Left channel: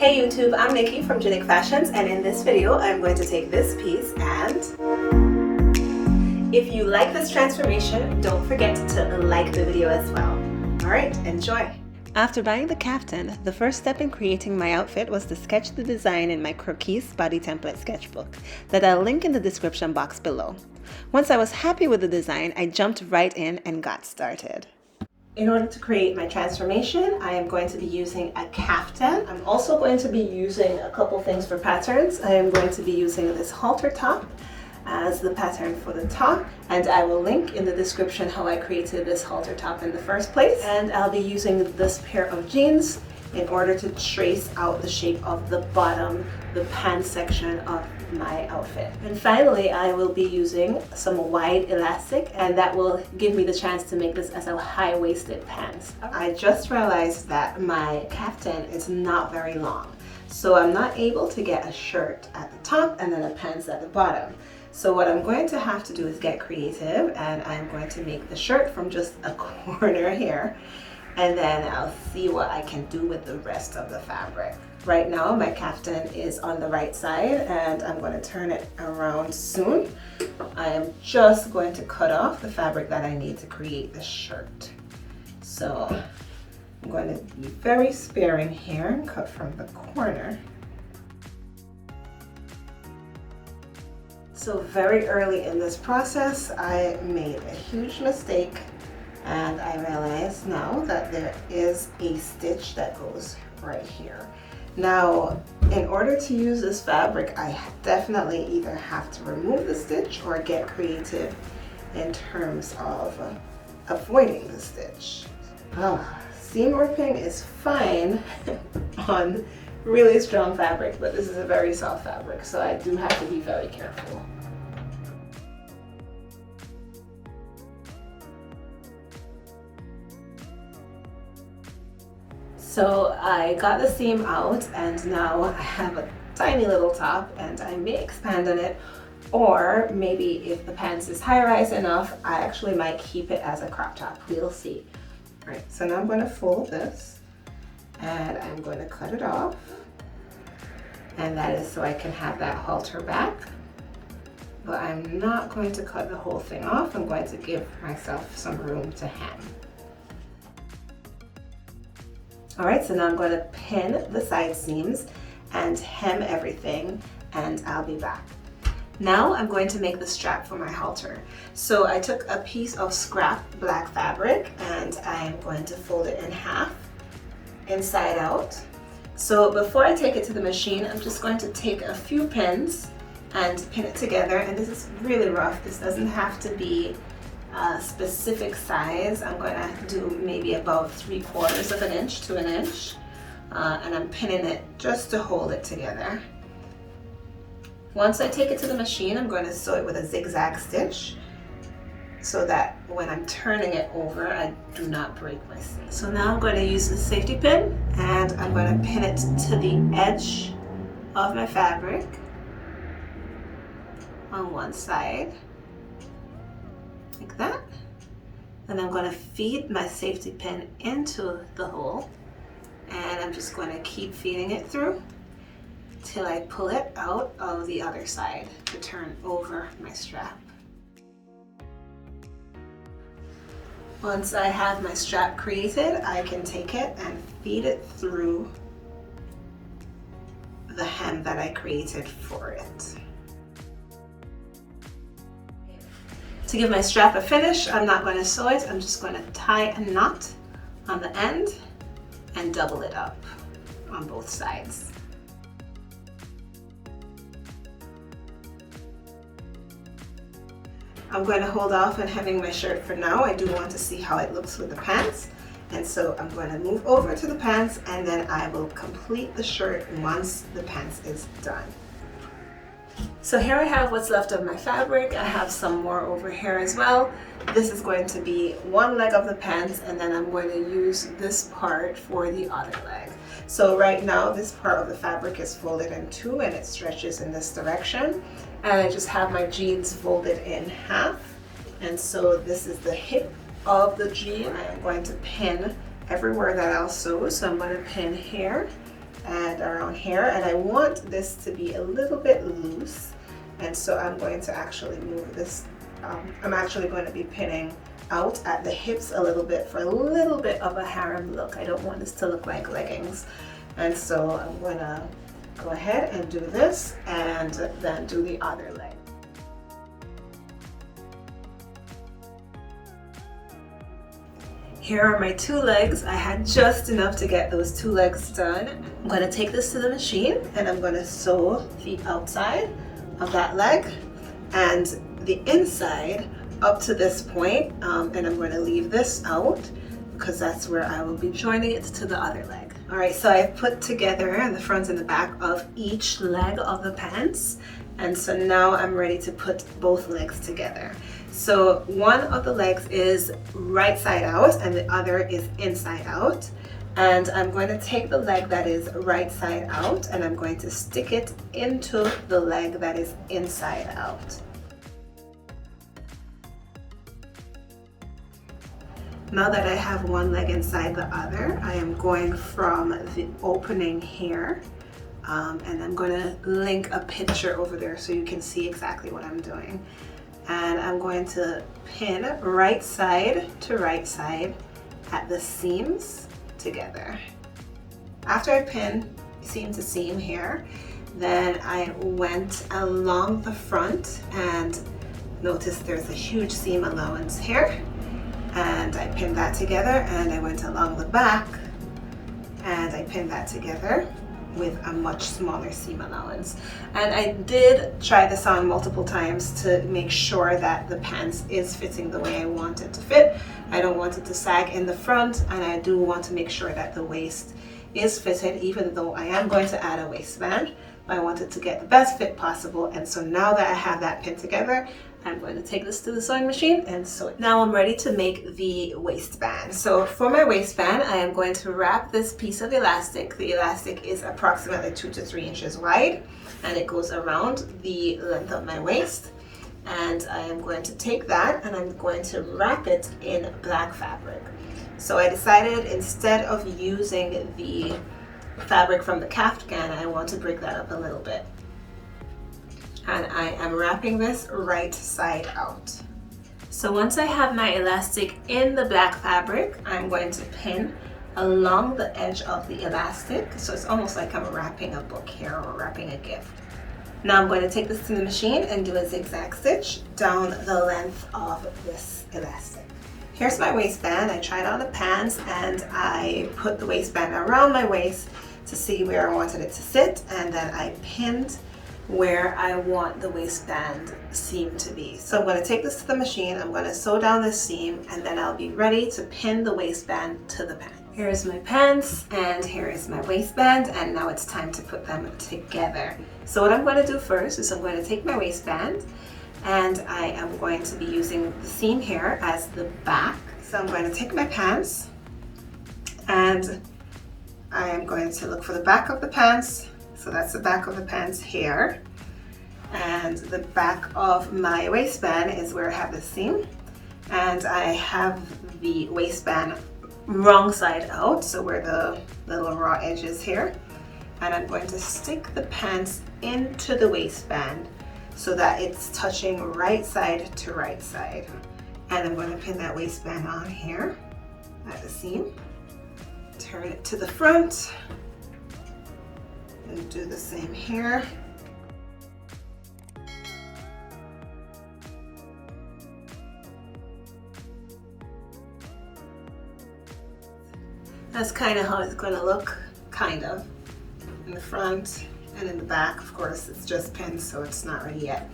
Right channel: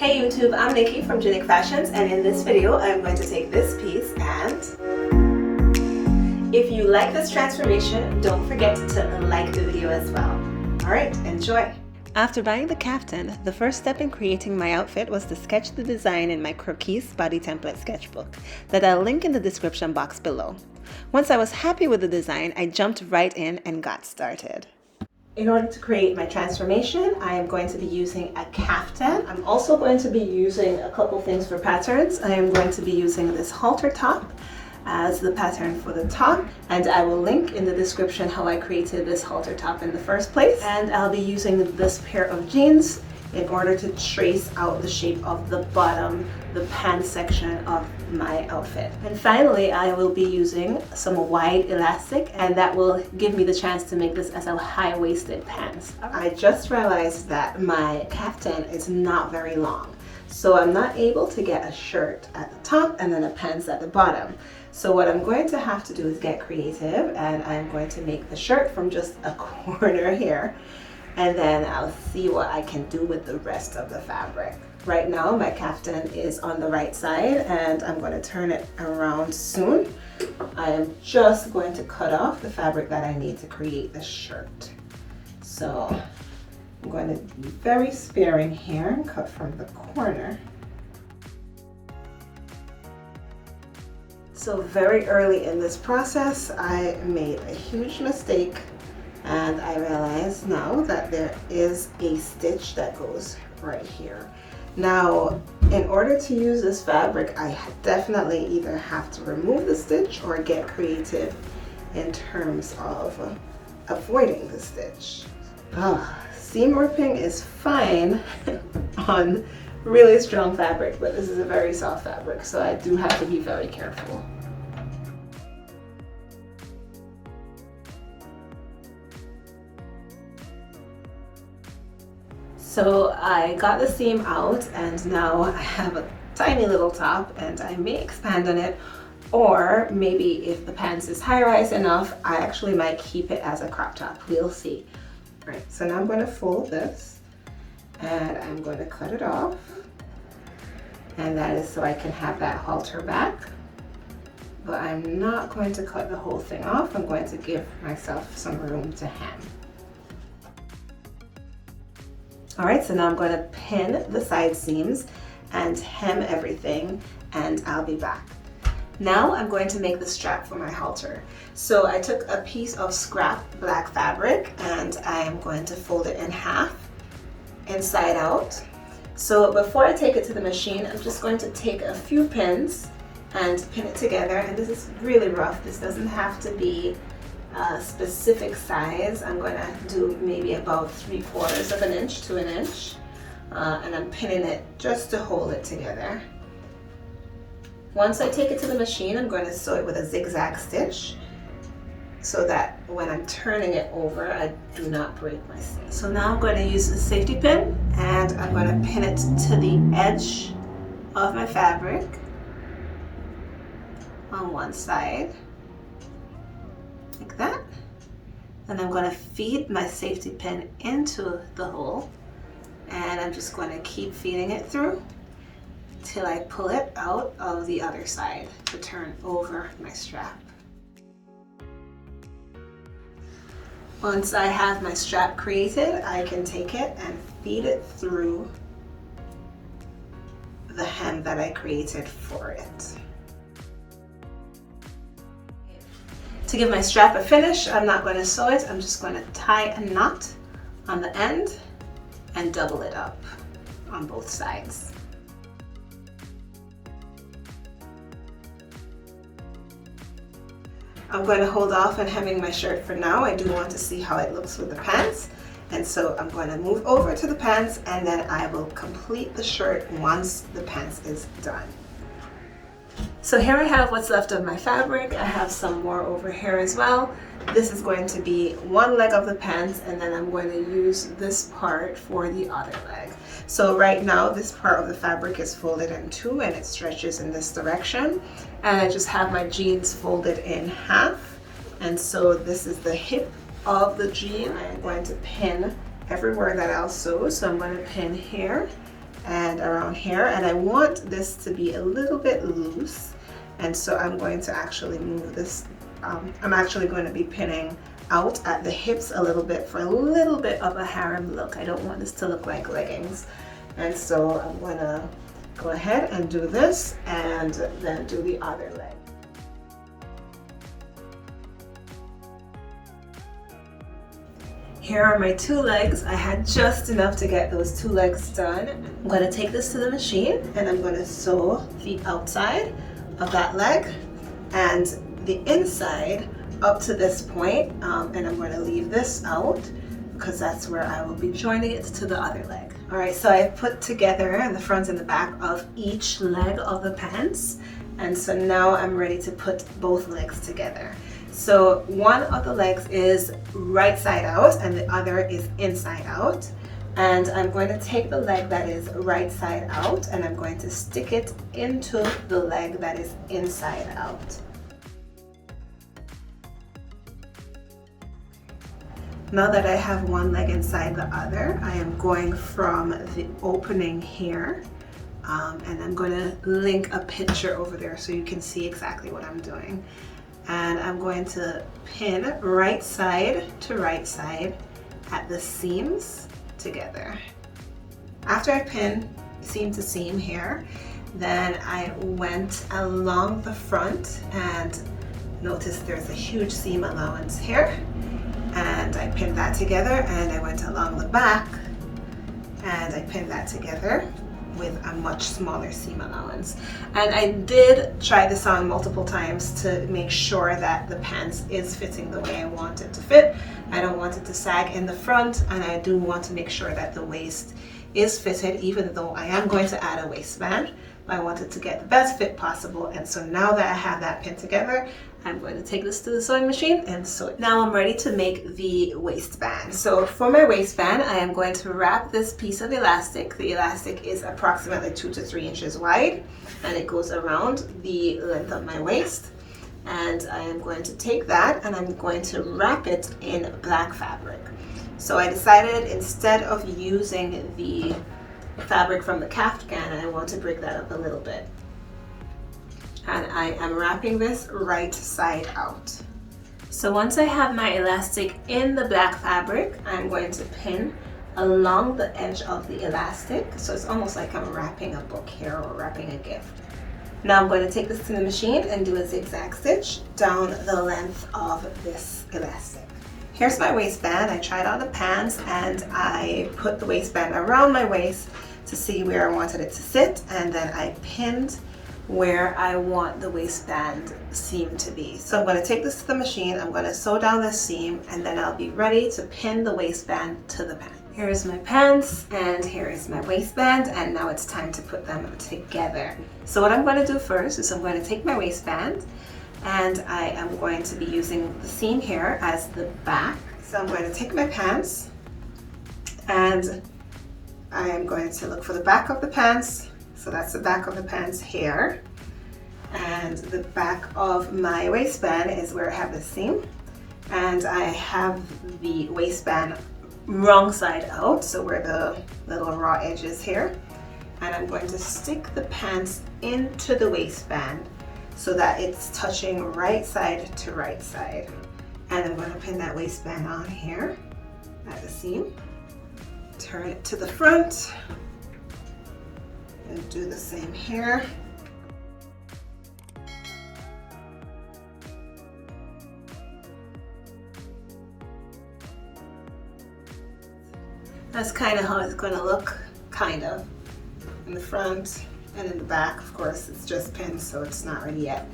Hey YouTube, I'm Nikki from Genic Fashions, and in this video I'm going to take this piece and if you like this transformation, don't forget to like the video as well. Alright, enjoy! After buying the kaftan, the first step in creating my outfit was to sketch the design in my croquis body template sketchbook that I'll link in the description box below. Once I was happy with the design, I jumped right in and got started. In order to create my transformation, I am going to be using a kaftan. I'm also going to be using a couple things for patterns. I am going to be using this halter top as the pattern for the top, and I will link in the description how I created this halter top in the first place. And I'll be using this pair of jeans in order to trace out the shape of the bottom, the pants section of my outfit. And finally, I will be using some wide elastic, and that will give me the chance to make this as a high-waisted pants. I just realized that my kaftan is not very long, so I'm not able to get a shirt at the top and then a pants at the bottom. So what I'm going to have to do is get creative, and I'm going to make the shirt from just a corner here, and then I'll see what I can do with the rest of the fabric. Right now my kaftan is on the right side, and I'm going to turn it around soon. I am just going to cut off the fabric that I need to create the shirt. So I'm going to be very sparing here and cut from the corner. So very early in this process, I made a huge mistake, and I realize now that there is a stitch that goes right here. Now, in order to use this fabric, I definitely either have to remove the stitch or get creative in terms of avoiding the stitch. Seam ripping is fine on really strong fabric, but this is a very soft fabric, so I do have to be very careful. So I got the seam out, and now I have a tiny little top, and I may expand on it, or maybe if the pants is high-rise enough, I actually might keep it as a crop top. We'll see. All right, so now I'm going to fold this, and I'm going to cut it off, and that is so I can have that halter back. But I'm not going to cut the whole thing off. I'm going to give myself some room to hem. All right, so now I'm going to pin the side seams and hem everything, and I'll be back. Now I'm going to make the strap for my halter. So I took a piece of scrap black fabric, and I am going to fold it in half, inside out. So before I take it to the machine, I'm just going to take a few pins and pin it together. And this is really rough. This doesn't have to be a specific size. I'm going to do maybe about 3/4 of an inch to an inch, and I'm pinning it just to hold it together. Once I take it to the machine, I'm going to sew it with a zigzag stitch so that when I'm turning it over, I do not break my seam. So now I'm going to use the safety pin, and I'm going to pin it to the edge of my fabric on one side, like that. And I'm going to feed my safety pin into the hole, and I'm just going to keep feeding it through till I pull it out of the other side to turn over my strap. Once I have my strap created, I can take it and feed it through the hem that I created for it. To give my strap a finish, I'm not going to sew it. I'm just going to tie a knot on the end and double it up on both sides. I'm going to hold off on hemming my shirt for now. I do want to see how it looks with the pants. And so I'm going to move over to the pants, and then I will complete the shirt once the pants is done. So here I have what's left of my fabric. I have some more over here as well. This is going to be one leg of the pants, and then I'm going to use this part for the other leg. So right now this part of the fabric is folded in two, and it stretches in this direction. And I just have my jeans folded in half. And so this is the hip of the jean. I am going to pin everywhere that I'll sew. So I'm going to pin here and around here, and I want this to be a little bit loose, and so I'm going to actually move this. I'm actually going to be pinning out at the hips a little bit for a little bit of a harem look. I don't want this to look like leggings, and so I'm going to go ahead and do this and then do the other leg. Here are my two legs. I had just enough to get those two legs done. I'm going to take this to the machine and I'm going to sew the outside of that leg and the inside up to this point, and I'm going to leave this out because that's where I will be joining it to the other leg. All right, so I put together the front and the back of each leg of the pants, and so now I'm ready to put both legs together. So one of the legs is right side out and the other is inside out. And I'm going to take the leg that is right side out and I'm going to stick it into the leg that is inside out. Now that I have one leg inside the other, I am going from the opening here, and I'm going to link a picture over there so you can see exactly what I'm doing. And I'm going to pin right side to right side at the seams together. After I pin seam to seam here, then I went along the front and notice there's a huge seam allowance here, and I pinned that together, and I went along the back and I pinned that together with a much smaller seam allowance. And I did try this on multiple times to make sure that the pants is fitting the way I want it to fit. I don't want it to sag in the front, and I do want to make sure that the waist is fitted, even though I am going to add a waistband. I want it to get the best fit possible, and so now that I have that pinned together, I'm going to take this to the sewing machine and sew it. Now I'm ready to make the waistband. So for my waistband, I am going to wrap this piece of elastic. The elastic is approximately 2 to 3 inches wide, and it goes around the length of my waist. And I am going to take that and I'm going to wrap it in black fabric. So I decided instead of using the fabric from the Kaftan, I want to break that up a little bit. And I am wrapping this right side out. So once I have my elastic in the black fabric, I'm going to pin along the edge of the elastic. So it's almost like I'm wrapping a book here or wrapping a gift. Now I'm going to take this to the machine and do a zigzag stitch down the length of this elastic. Here's my waistband. I tried on the pants and I put the waistband around my waist to see where I wanted it to sit, and then I pinned where I want the waistband seam to be. So I'm going to take this to the machine, I'm going to sew down this seam, and then I'll be ready to pin the waistband to the pants. Here's my pants and here is my waistband, and now it's time to put them together. So what I'm going to do first is I'm going to take my waistband and I am going to be using the seam here as the back. So I'm going to take my pants and I am going to look for the back of the pants. So that's the back of the pants here. And the back of my waistband is where I have the seam. And I have the waistband wrong side out, so where the little raw edge is here. And I'm going to stick the pants into the waistband so that it's touching right side to right side. And I'm going to pin that waistband on here at the seam. Turn it to the front and do the same here. That's kind of how it's going to look, kind of, in the front and in the back. Of course, it's just pinned, so it's not ready yet.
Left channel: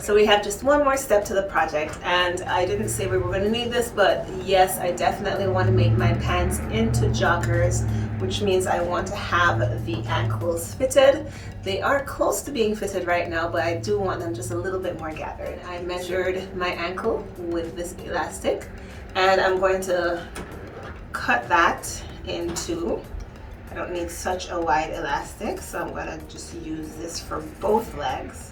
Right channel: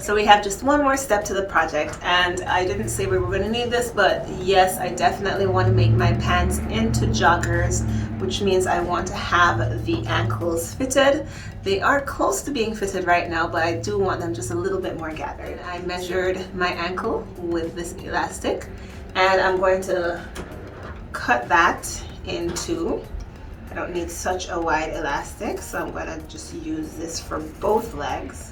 So we have just one more step to the project, and I didn't say we were going to need this, but yes, I definitely want to make my pants into joggers, which means I want to have the ankles fitted. They are close to being fitted right now, but I do want them just a little bit more gathered. I measured my ankle with this elastic, and I'm going to cut that in two. I don't need such a wide elastic, so I'm going to just use this for both legs.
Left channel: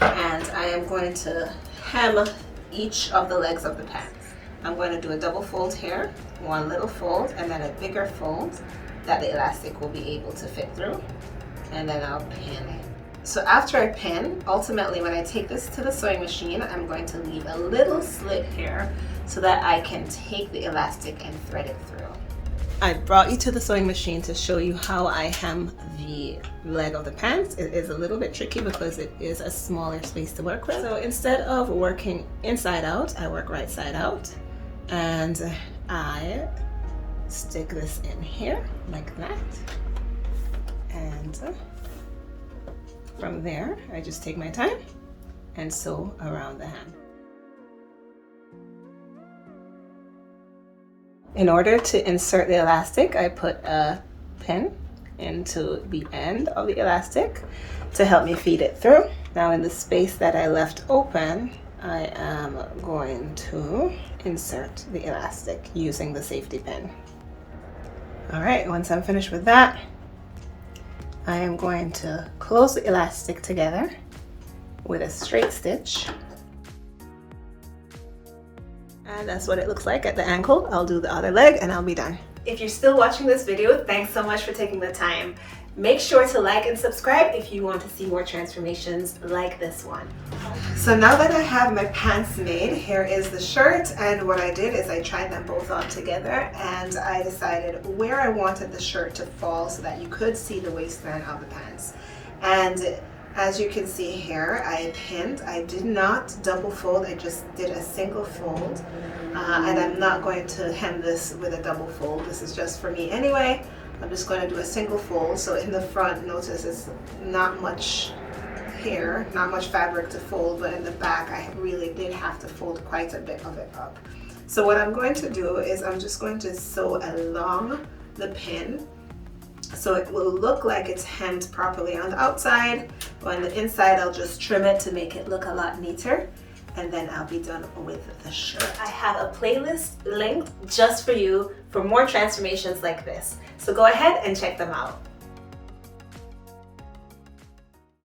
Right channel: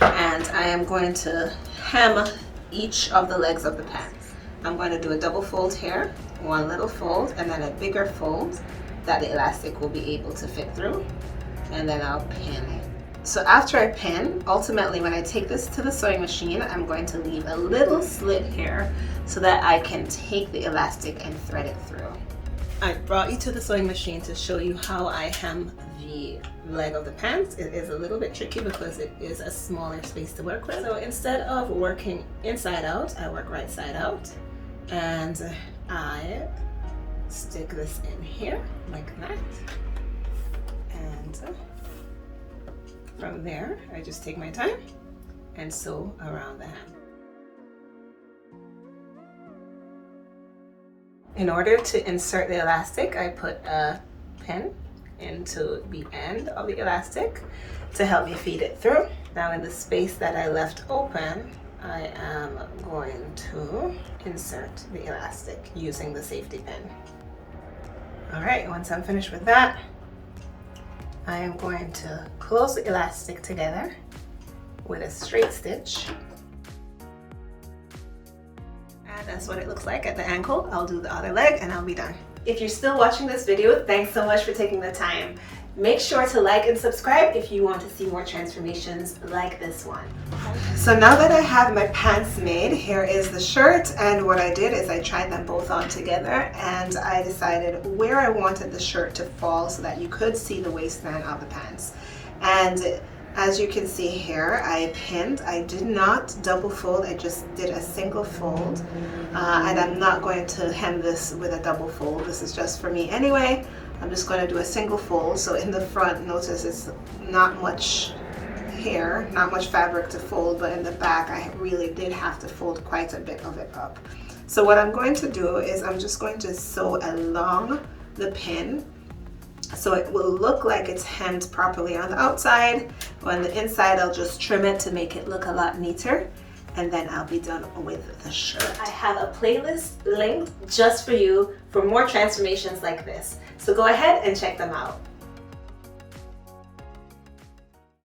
And I am going to hem each of the legs of the pants. I'm going to do a double fold here, one little fold, and then a bigger fold that the elastic will be able to fit through, and then I'll pin. So after I pin, ultimately when I take this to the sewing machine, I'm going to leave a little slit here so that I can take the elastic and thread it through. I brought you to the sewing machine to show you how I hem the leg of the pants. It is a little bit tricky because it is a smaller space to work with. So instead of working inside out, I work right side out, and I stick this in here like that, and from there I just take my time and sew around the hem. In order to insert the elastic, I put a pin into the end of the elastic to help me feed it through. Now in the space that I left open, I am going to insert the elastic using the safety pin. All right, once I'm finished with that, I am going to close the elastic together with a straight stitch. And that's what it looks like at the ankle. I'll do the other leg and I'll be done. If you're still watching this video, thanks so much for taking the time. Make sure to like and subscribe if you want to see more transformations like this one. So now that I have my pants made, here is the shirt, and what I did is I tried them both on together and I decided where I wanted the shirt to fall so that you could see the waistband of the pants. And as you can see here, I pinned. I did not double fold, I just did a single fold. And I'm not going to hem this with a double fold. This is just for me anyway. I'm just going to do a single fold. So in the front, notice it's not much hair, not much fabric to fold, but in the back I really did have to fold quite a bit of it up. So what I'm going to do is I'm just going to sew along the pin so it will look like it's hemmed properly on the outside. On the inside, I'll just trim it to make it look a lot neater, and then I'll be done with the shirt. I have a playlist linked just for you for more transformations like this. So go ahead and check them out.